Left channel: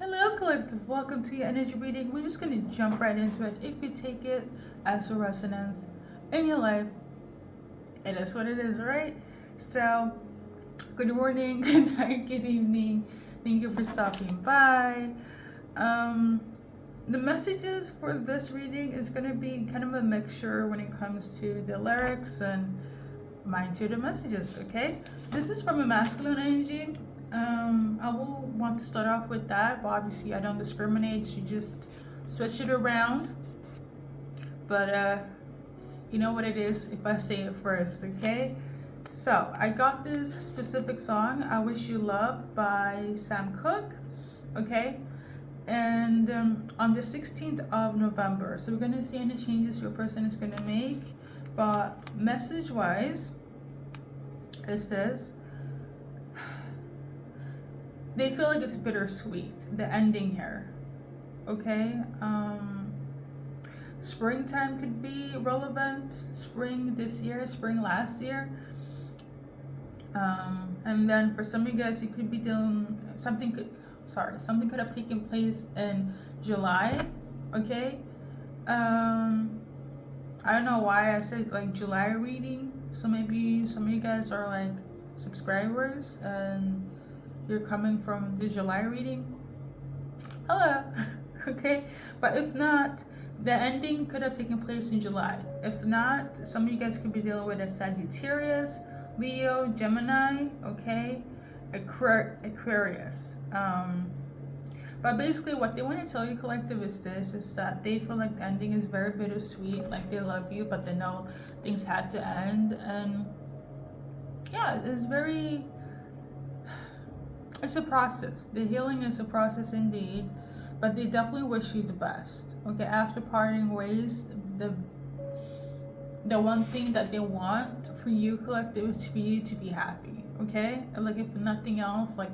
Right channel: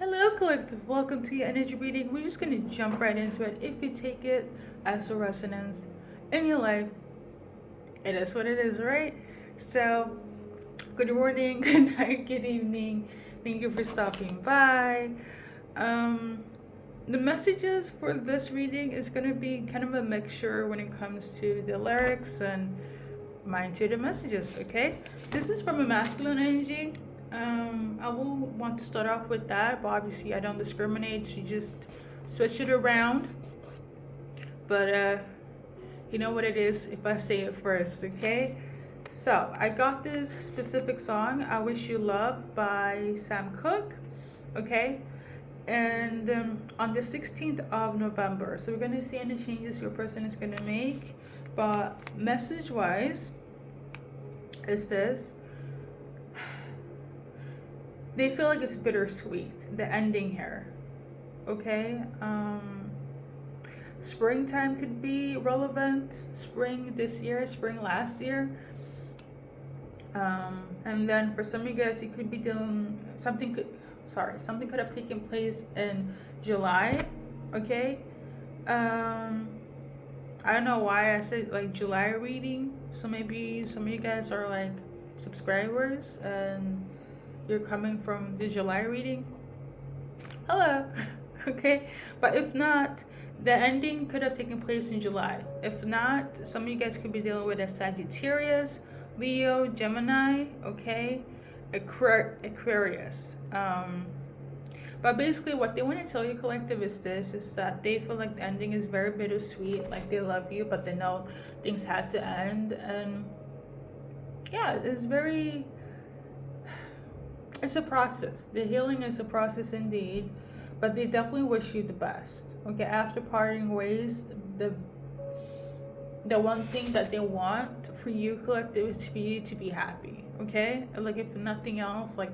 Hello, collective. Welcome to your energy reading. We're just going to jump right into it. If you take it as a resonance in your life, it is what it is, right? So, good morning, good night, good evening. Thank you for stopping by. Um, the messages for this reading is going to be kind of a mixture when it comes to the lyrics and mine to the messages, okay? This is from a masculine energy. I will want to start off with that, but obviously I don't discriminate, so you just switch it around. But you know what it is if I say it first, okay? So I got this specific song, I Wish You Love by Sam Cooke, okay? And on the 16th of November. So we're going to see any changes your person is going to make. But message wise, it says they feel like it's bittersweet, the ending here. Okay? Springtime could be relevant. Spring this year, spring last year. And then for some of you guys, you could be doing something could have taken place in July. Okay? I don't know why I said like July reading. So maybe some of you guys are like subscribers and you're coming from the July reading. Hello. Okay. But if not, the ending could have taken place in July. If not, some of you guys could be dealing with a Sagittarius, Leo, Gemini, okay? Aquarius. But basically, what they want to tell you, collective, is this: is that they feel like the ending is very bittersweet. Like they love you, but they know things had to end, and yeah, it's a process. The healing is a process indeed, but they definitely wish you the best. Okay, after parting ways, the one thing that they want for you, collective, is for you to be happy. Okay, like if nothing else, like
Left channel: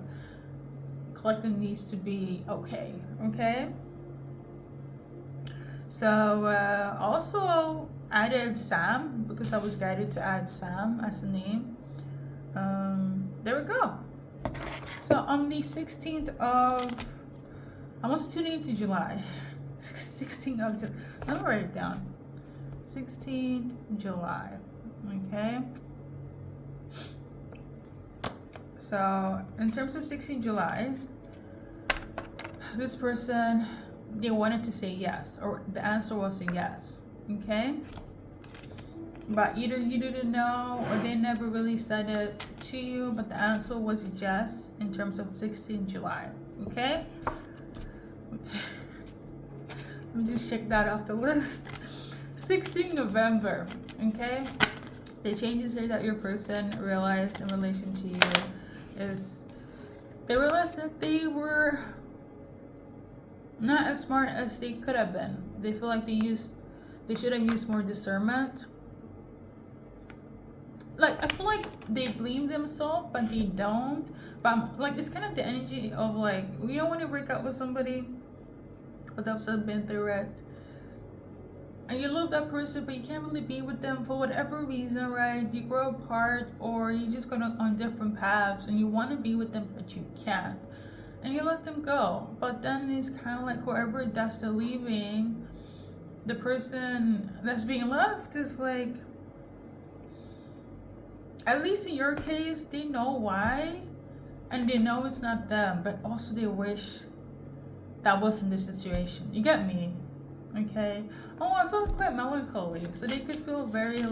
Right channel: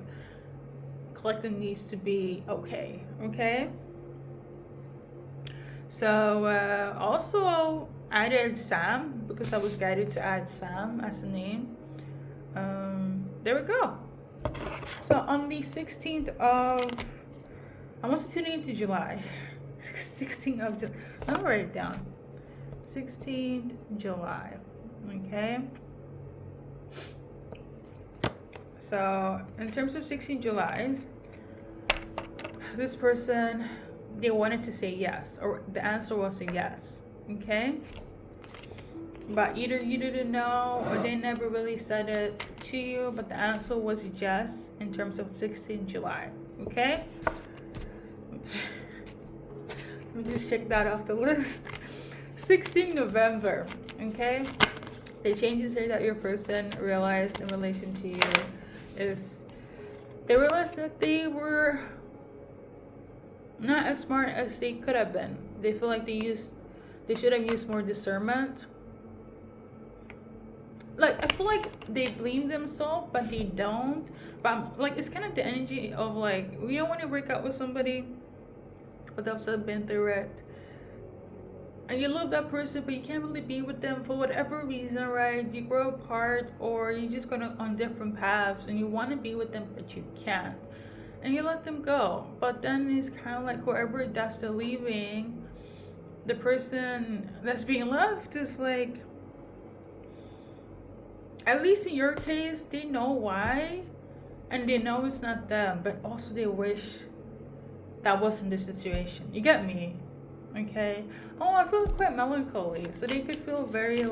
collective needs to be okay. Okay. So also added Sam because I was guided to add Sam as a name. There we go. So on the 16th of, almost tuning into July. 16th of July. I'll write it down. 16th July. Okay. So in terms of 16th July, this person, they wanted to say yes, or the answer was a yes. Okay. But either you didn't know or they never really said it to you, but the answer was yes in terms of 16th July. Okay? Let me just check that off the list. 16th November. Okay? The changes here that your person realized in relation to you is they realized that they were not as smart as they could have been. They feel like they should have used more discernment. Like I feel like they blame themselves, but they don't. But like it's kind of the energy of like we don't want to break up with somebody without been through it, and you love that person, but you can't really be with them for whatever reason, right? You grow apart, or you're just going on different paths, and you want to be with them, but you can't, and you let them go. But then it's kind of like whoever that's the leaving, the person that's being left is like, at least in your case, they know why, and they know it's not them, but also they wish that wasn't the situation. You get me? Okay. Oh, I feel quite melancholy. So they could feel very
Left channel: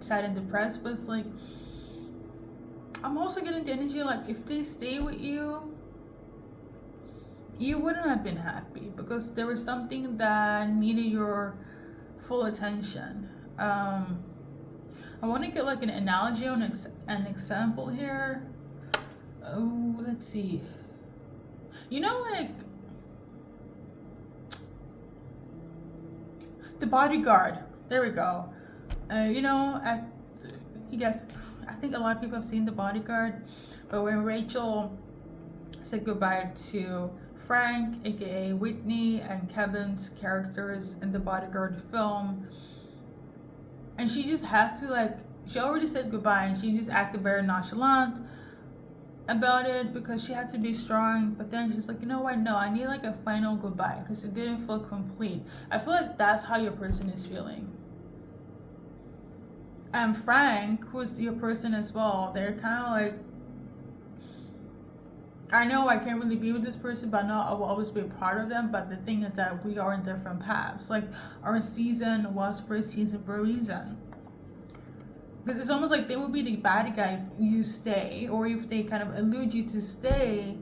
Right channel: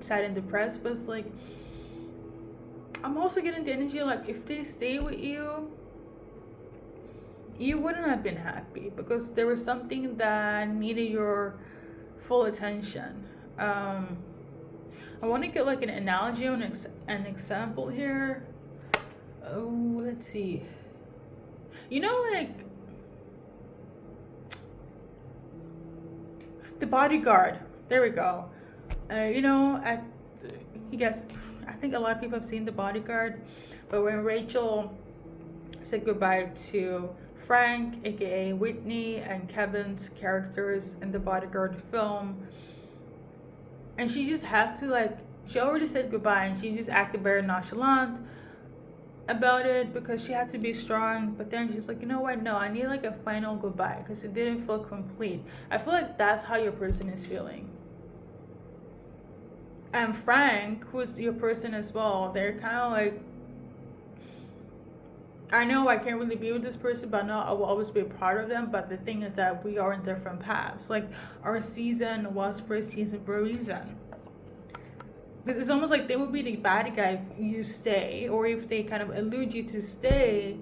sad and depressed, but it's like, I'm also getting the energy like if they stay with you, you wouldn't have been happy because there was something that needed your full attention. I want to get like an analogy on an example here. Oh, let's see. You know, like The Bodyguard. There we go. You know, you guys, I think a lot of people have seen The Bodyguard, but when Rachel said goodbye to Frank, aka Whitney, and Kevin's characters in The Bodyguard film, and she just had to she already said goodbye and she just acted very nonchalant. about it because she had to be strong, but then she's like, you know what, no, I need like a final goodbye because it didn't feel complete. I feel like that's how your person is feeling. And Frank, who's your person as well, they're kind of like, I know I can't really be with this person, but I know I will always be a part of them. But the thing is that we are in different paths. Like, our season was for a season for a reason. Because it's almost like they would be the bad guy if you stay, or if they kind of elude you to stay.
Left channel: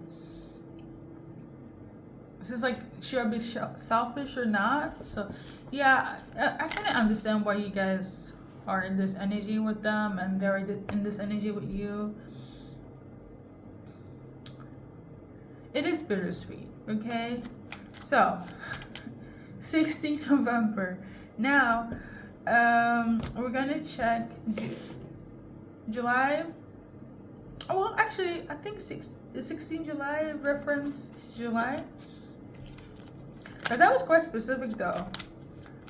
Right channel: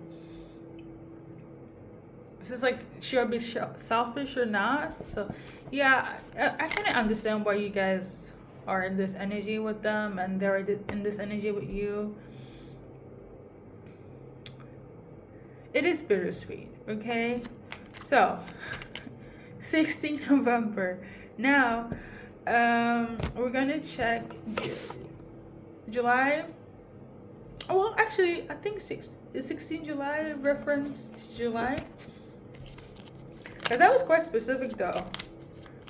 It's just like, should I be selfish or not? So, yeah, I kind of understand why you guys are in this energy with them and they're in this energy with you. It is bittersweet, okay? So, 16th November. Now, we're gonna check July. Well, actually, I think 16 July reference to July. Because that was quite specific though.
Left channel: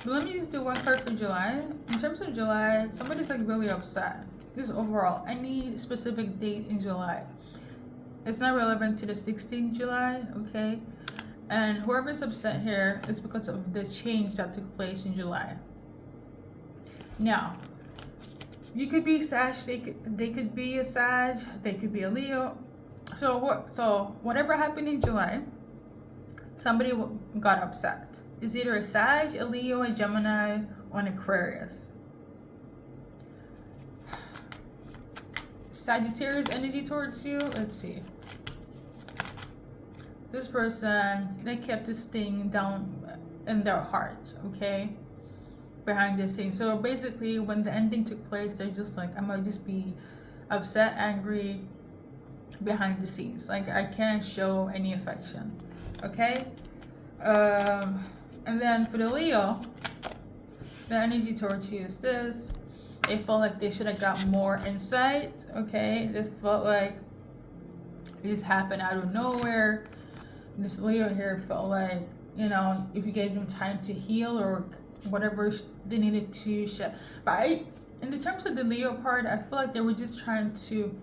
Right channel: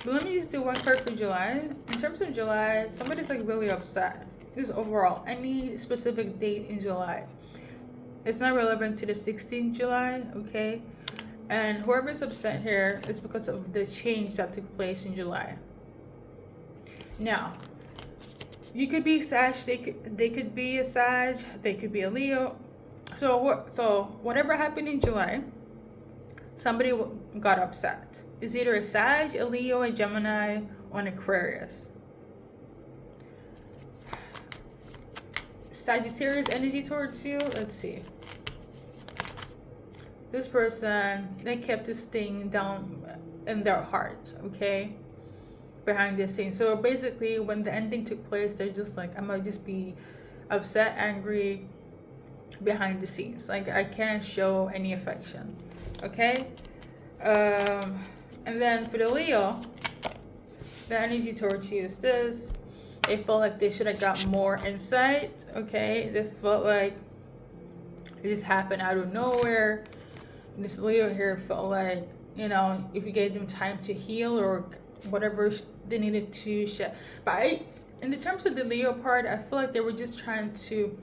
But let me just do one card for July. In terms of July, somebody's like really upset. This is overall. Any specific date in July. It's not relevant to the 16th July, okay? And whoever's upset here is because of the change that took place in July. Now, you could be Sag, they could be a Sag, they could be a Leo. So whatever happened in July, somebody got upset. It's either a Sag, a Leo, a Gemini, or an Aquarius. Sagittarius energy towards you. Let's see. This person, they kept this thing down in their heart, okay? Behind the scenes. So basically, when the ending took place, they're just like, I might just be upset, angry behind the scenes. Like, I can't show any affection, okay? And then for the Leo, the energy towards you is this. They felt like they should have got more insight, okay? They felt like it just happened out of nowhere. This Leo here felt like, you know, if you gave them time to heal or whatever they needed to share. But in the terms of the Leo part, I feel like they were just trying to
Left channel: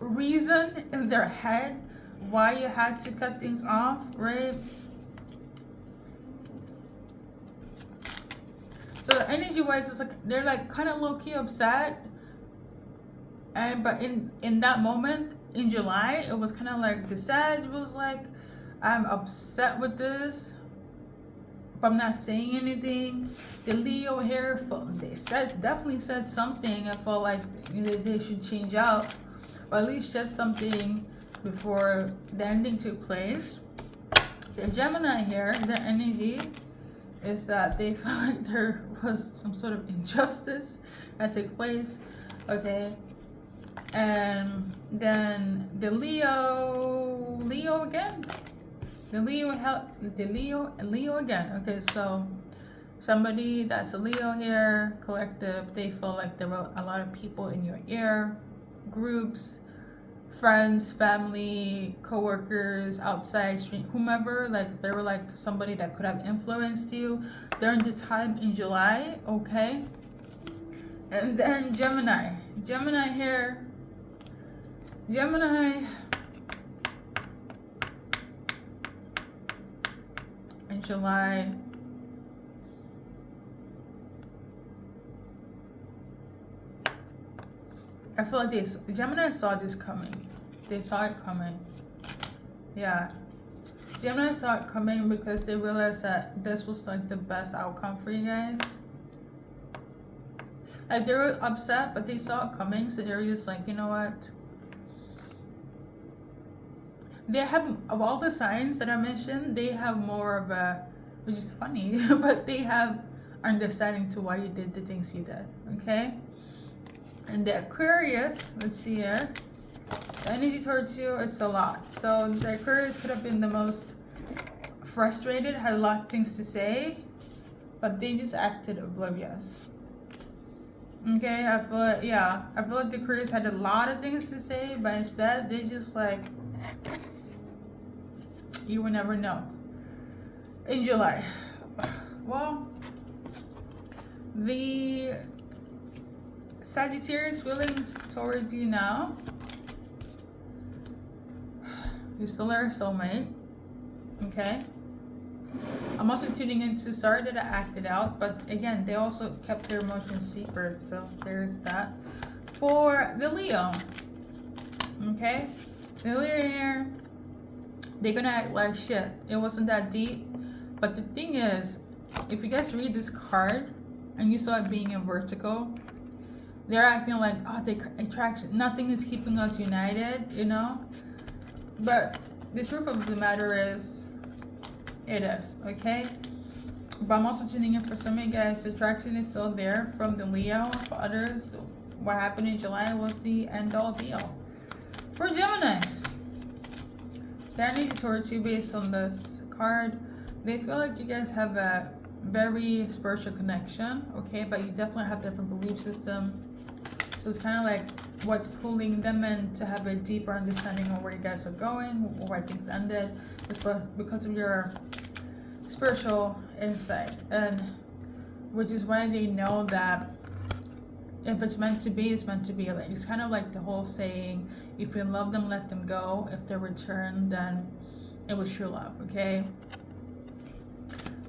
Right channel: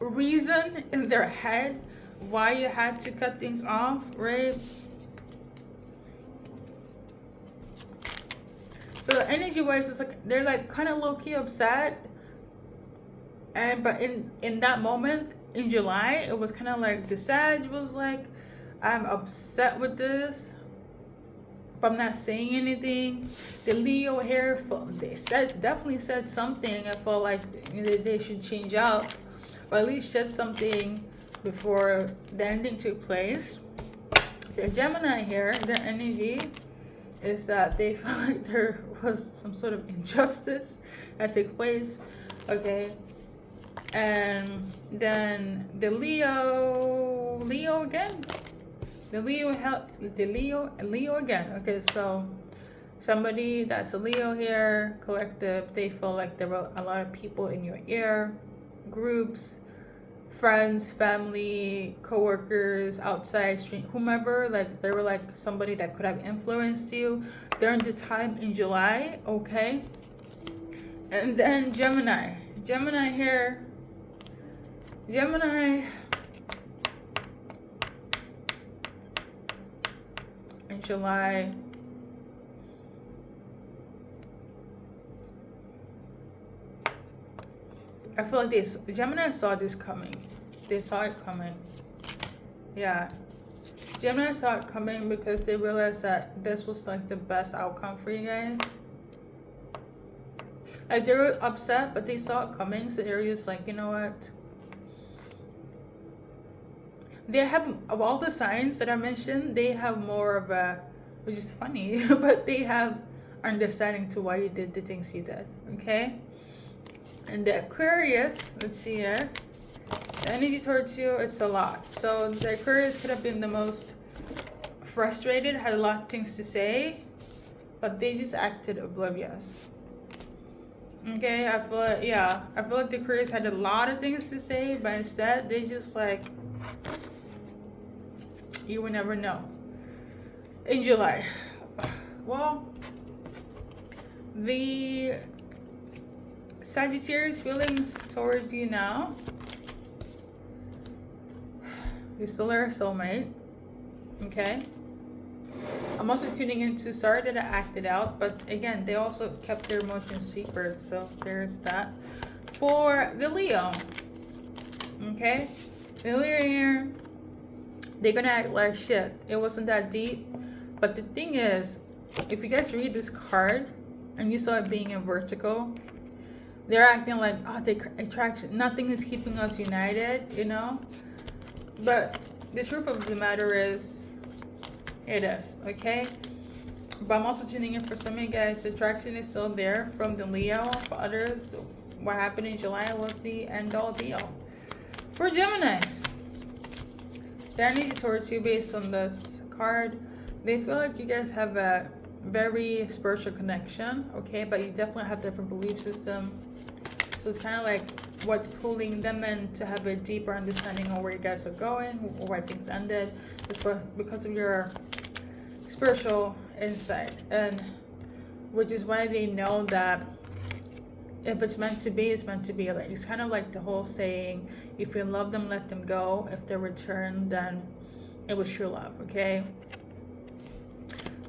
reason in their head why you had to cut things off, right? So energy wise, it's like they're like kind of low key upset, but in that moment in July, it was kind of like the Sag was like, I'm upset with this, but I'm not saying anything. The Leo here, they definitely said something. I felt like they should change out, or at least shed something before the ending took place. The Gemini here, the energy is that they felt like there was some sort of injustice that took place, okay? And then the Leo again. The Leo again. Okay, so somebody that's a Leo here, collective, they feel like there were a lot of people in your ear, groups, friends, family, co-workers, outside street, whomever, like they were like somebody that could have influenced you during the time in July, okay? And then Gemini here, Gemini in July. I feel like Gemini saw this coming. They saw it coming. Yeah. Gemini saw it coming because they realized that this was like the best outcome for you guys. Like they were upset, but they saw it coming, so they were just like, you know what? They have, of all the signs that I mentioned, they have more of a, which is funny, but they have understanding to why you did the things you did, okay? And the Aquarius, let's see here, the energy towards you, it's a lot. So the Aquarius could have been the most frustrated, had a lot of things to say, but they just acted oblivious. Okay, I feel like the Aquarius had a lot of things to say, but instead they just like, you will never know. In July, well, the Sagittarius feelings toward you now. You're still their soulmate. Okay. I'm also tuning into, sorry that I acted out, but again, they also kept their emotions secret, so there's that. For the Leo, okay, the Leo here, they're gonna act like shit. It wasn't that deep, but the thing is, if you guys read this card and you saw it being in vertical, they're acting like, oh, they attraction, nothing is keeping us united, you know. But the truth of the matter is, it is, okay? But I'm also tuning in for some of you guys, the attraction is still there from the Leo. For others, what happened in July was the end all be all. For Geminis, the energy towards you based on this card, they feel like you guys have a very spiritual connection, okay? But you definitely have different belief system. So it's kind of like what's pulling them in to have a deeper understanding of where you guys are going or why things ended. It's because of your spiritual insight, and which is why they know that if it's meant to be, it's meant to be. Like, it's kind of like the whole saying, if you love them, let them go. If they return, then it was true love, okay?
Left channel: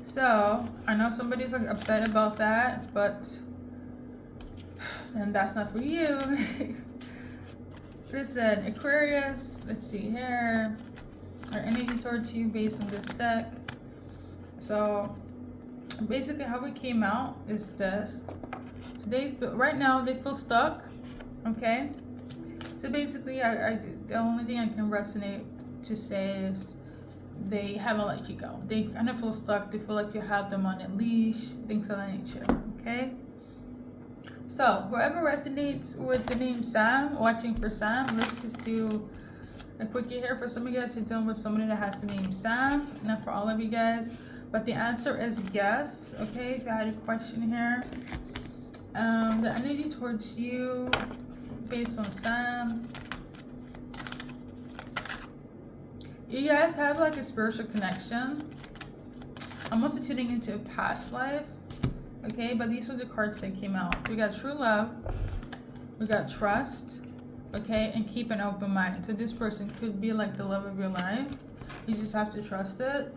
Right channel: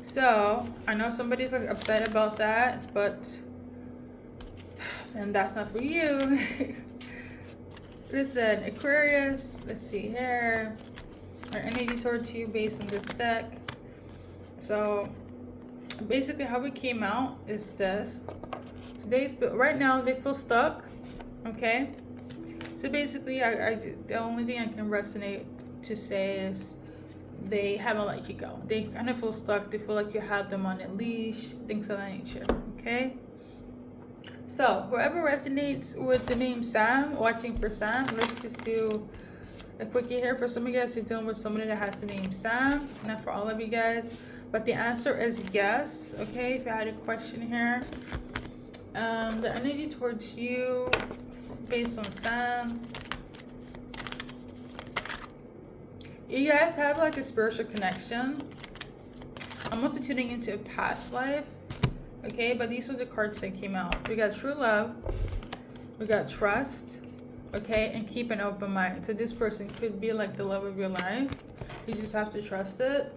So I know somebody's like upset about that, but then that's not for you. Listen, Aquarius, let's see here. Our energy towards you based on this deck. So basically how we came out is this. So they feel, right now they feel stuck, okay? So basically the only thing I can resonate to say is they haven't let you go. They kind of feel stuck. They feel like you have them on a leash, things of that nature, okay? So whoever resonates with the name Sam, watching for Sam, let's just do a quickie here. For some of you guys who are dealing with somebody that has the name Sam, not for all of you guys, but the answer is yes, okay? If you had a question here, the energy towards you based on Sam, you guys have like a spiritual connection. I'm also tuning into a past life, okay? But these are the cards that came out. We got true love, we got trust, okay, and keep an open mind. So this person could be like the love of your life. You just have to trust it.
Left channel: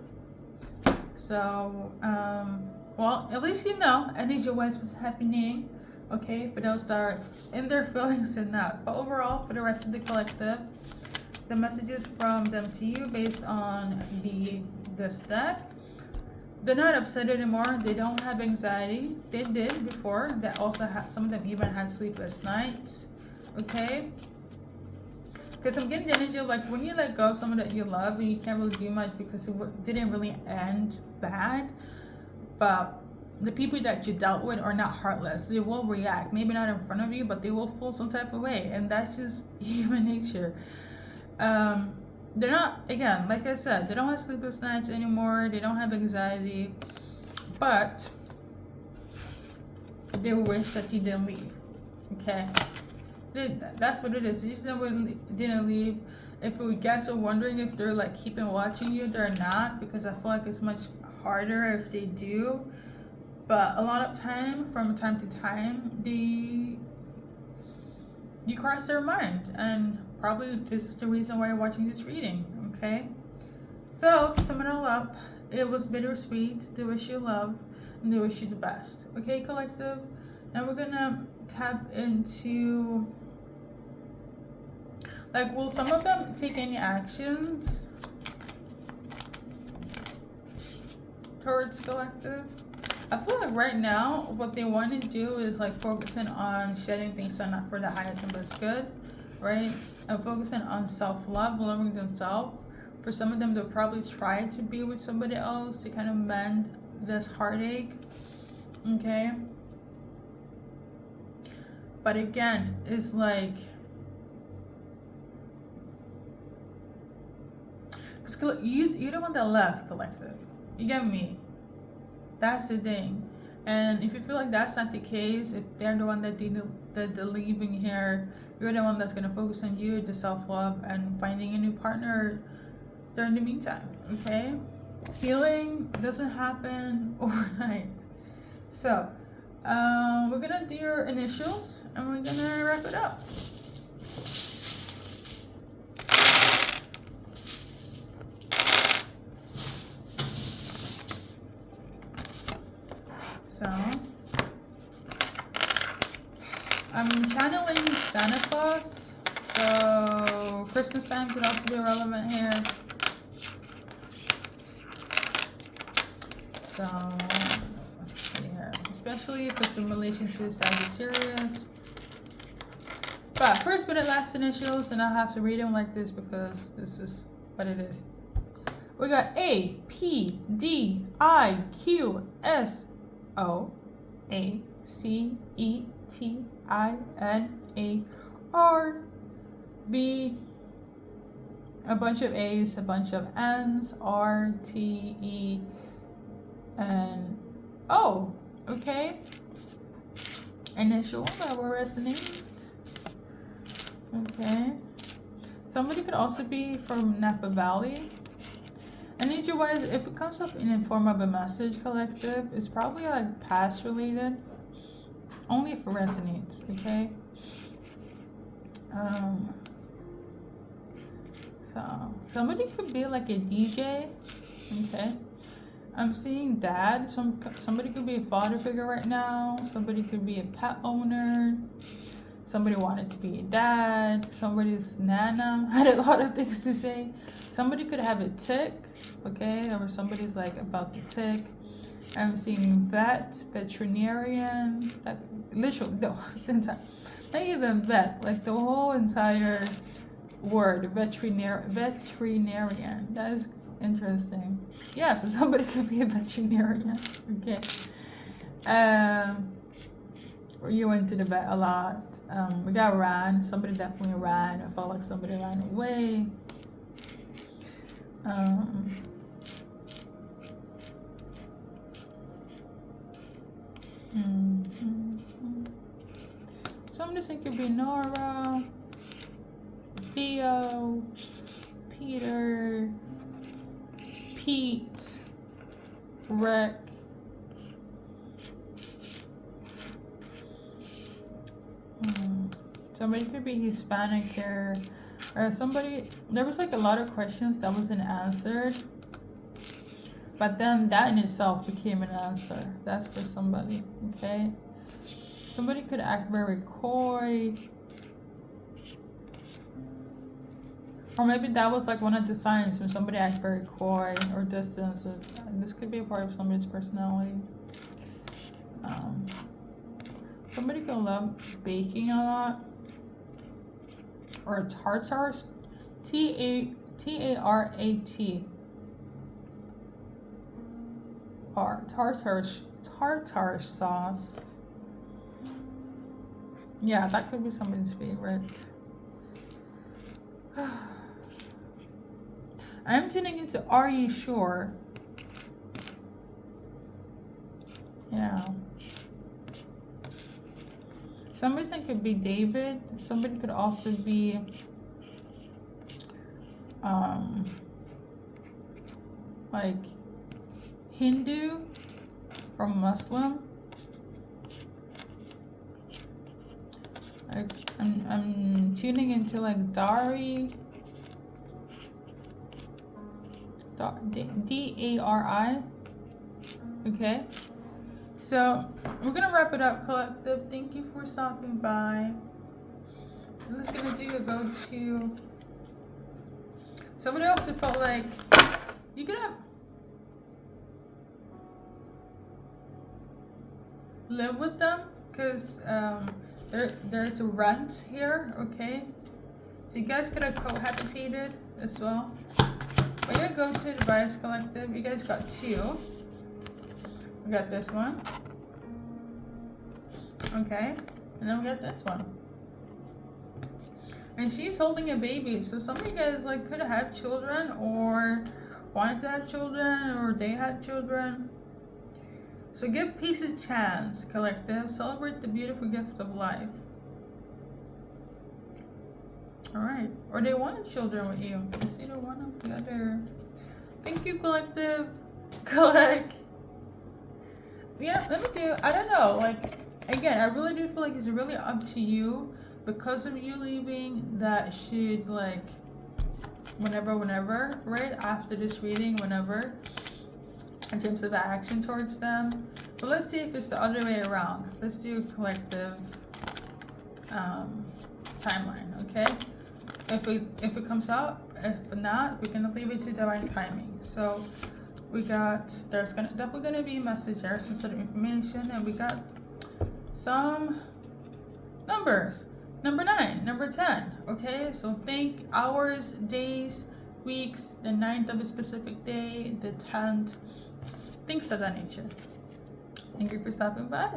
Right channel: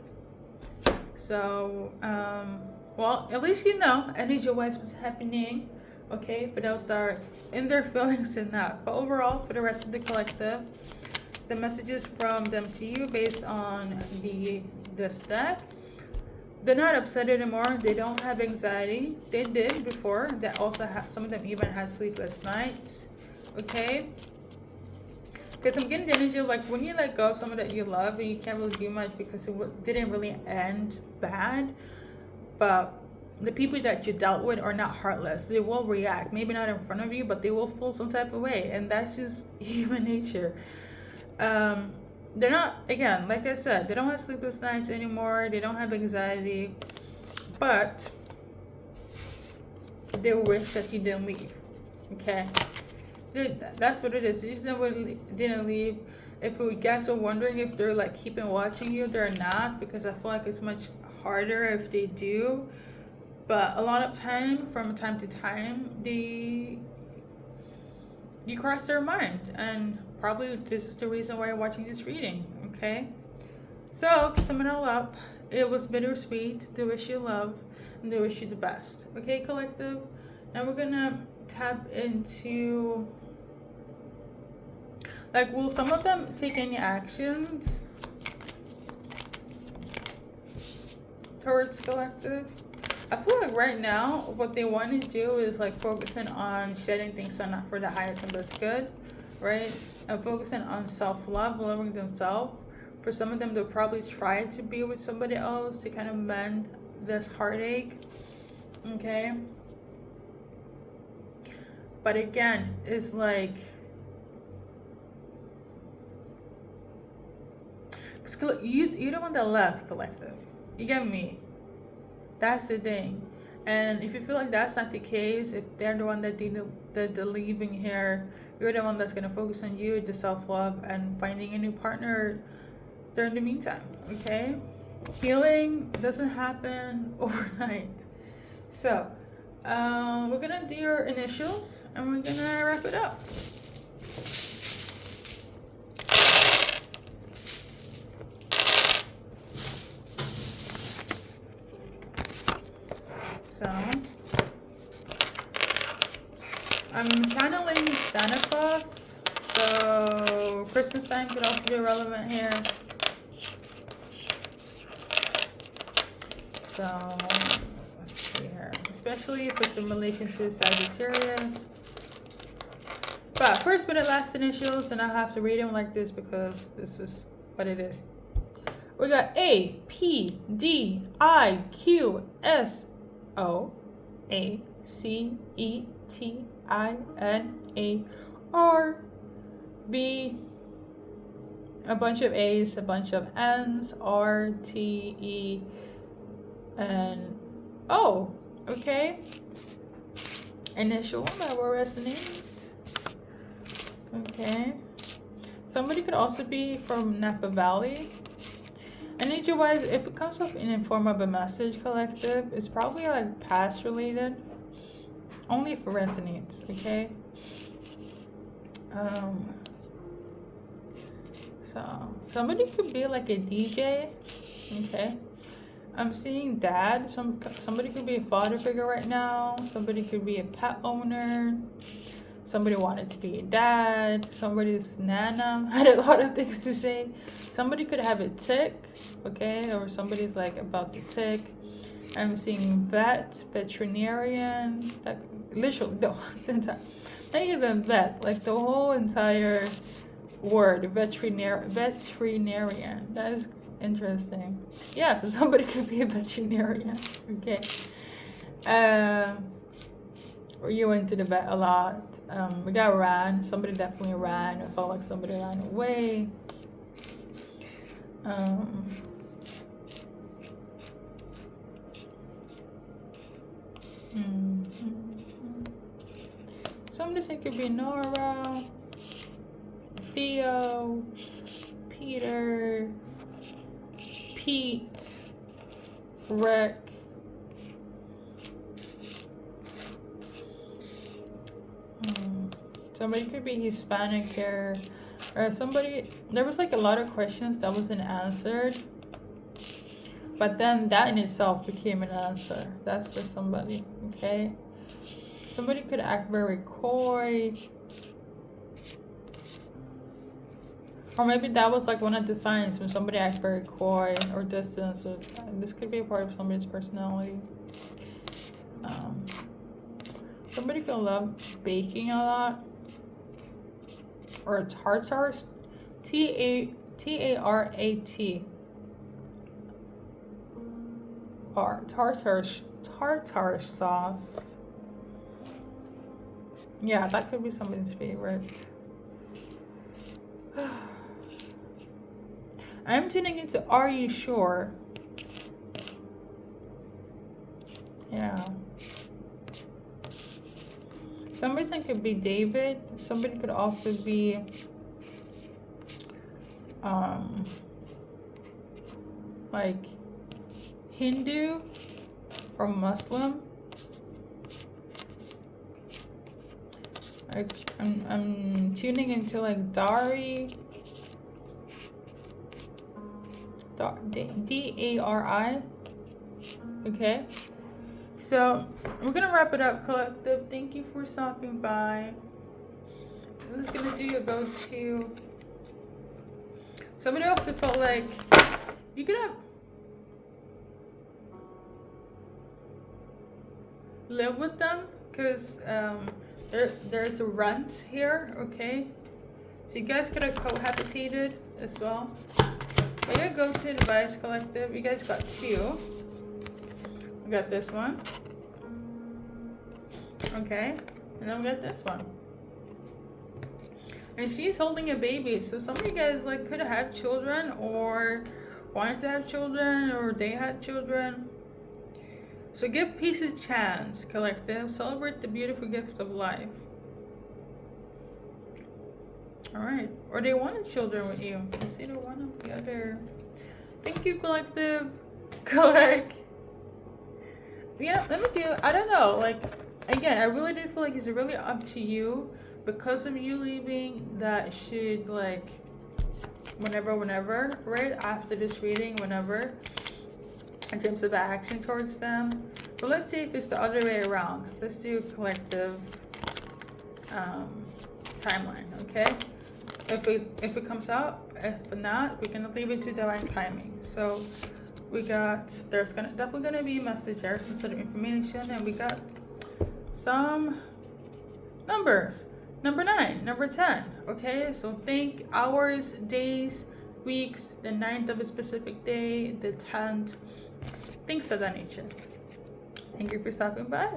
So, well, at least you know energy-wise what's happening, okay, for those that are in their feelings and not. But overall, for the rest of the collective, the messages from them to you based on this deck, they're not upset anymore. They don't have anxiety. They did before. They also have, some of them even had sleepless nights, okay? Because I'm getting the energy of like when you let go of someone that you love and you can't really do much because it didn't really end bad, but the people that you dealt with are not heartless. They will react, maybe not in front of you, but they will feel some type of way, and that's just human nature. They're not, again, like I said, they don't have sleepless nights anymore. They don't have anxiety, but they wish that you didn't leave, okay? That's what it is. You just didn't leave. If you guys are wondering if they're like keeping watching you, they're not, because I feel like it's much harder if they do. But a lot of from time to time, you cross their mind, and probably this is the reason why you're watching this reading, okay? So to sum it all up, it was bittersweet. They wish you love and they wish you the best, okay, collective? Now we're gonna tap into, like, will some of them take any actions towards collective? I feel like right now what they want to do is like focusing on shedding things so not for the highest and best good, right? And focusing on self-love, loving themselves. For some of them, they'll probably try to be with somebody else to kind of mend this heartache, okay? But again, it's like, you're the one that left, collective. You get me? That's the thing. And if you feel like that's not the case, if they're the one that they're leaving here, you're the one that's going to focus on you, the self-love, and finding a new partner during the meantime, okay? Healing doesn't happen overnight. So, We're gonna do your initials and we're gonna wrap it up. So I'm channeling Santa Claus. So Christmas time could also be relevant here. So yeah, especially if it's in relation to Sagittarius. But first minute last initials, and I'll have to read them like this because this is what it is. We got A, P, D, I, Q, S, O, A, C, E, T, I, N, A, R, B, a bunch of A's, a bunch of N's, R, T, E, and O. Okay. Initial that will resonate. Okay. Somebody could also be from Napa Valley. Energy wise, if it comes up in the form of a message collective, it's probably like past related. Only if it resonates, okay? So somebody could be like a DJ, okay? I'm seeing dad. Somebody could be a father figure right now. Somebody could be a pet owner. Somebody wanted to be a dad. Somebody's nana had a lot of things to say. Somebody could have a tick, okay? Or somebody's like about to tick. I'm seeing veterinarian. That literally, the entire, not even vet, like the whole entire word, veterinarian. That is interesting. Yeah, so somebody could be a veterinarian, okay? Or you went to the vet a lot. We got ran. Somebody definitely ran. It felt like somebody ran away. Somebody said it could be Nora, Theo, Peter, Pete, Rick. Somebody could be Hispanic here, or somebody. There was like a lot of questions that wasn't answered, but then that in itself became an answer. That's for somebody, okay? Somebody could act very coy, or maybe that was like one of the signs when somebody acts very coy or distant. So this could be a part of somebody's personality. Somebody could love baking a lot, or tartars, T-A-R-A-T, or tartar sauce. Yeah, that could be somebody's favorite. I'm tuning into Are You Sure? Yeah. Somebody could be David. Somebody could also be like Hindu or Muslim. I'm tuning into like Dari. D-A-R-I. Okay. So we're gonna wrap it up, collective. Thank you for stopping by. I'm just gonna do a go-to. Somebody also felt like you could have live with them because there's a rent here, okay? So you guys could have cohabitated as well. We're gonna go to advice, collective. You guys got two. We got this one. Okay. And then we got this one. And she's holding a baby. So some of you guys like could have had children or wanted to have children or they had children. So give peace a chance, collective. Celebrate the beautiful gift of life. Alright. Or they wanted children with you. It's either one or the other. Thank you, collective. Collect. yeah, let me do. I don't know. Like, again, I really do feel like it's really up to you because of you leaving. That should like whenever, right after this reading, whenever, in terms of action towards them. But let's see if it's the other way around. Let's do a collective timeline, okay? If it comes up, if not, we can leave it to divine timing. So we got definitely gonna be a message there, some sort of information, and we got some numbers. Number 9, number 10. Okay, so think hours, days, weeks, the 9th of a specific day, the 10th, things of that nature. Thank you for stopping by.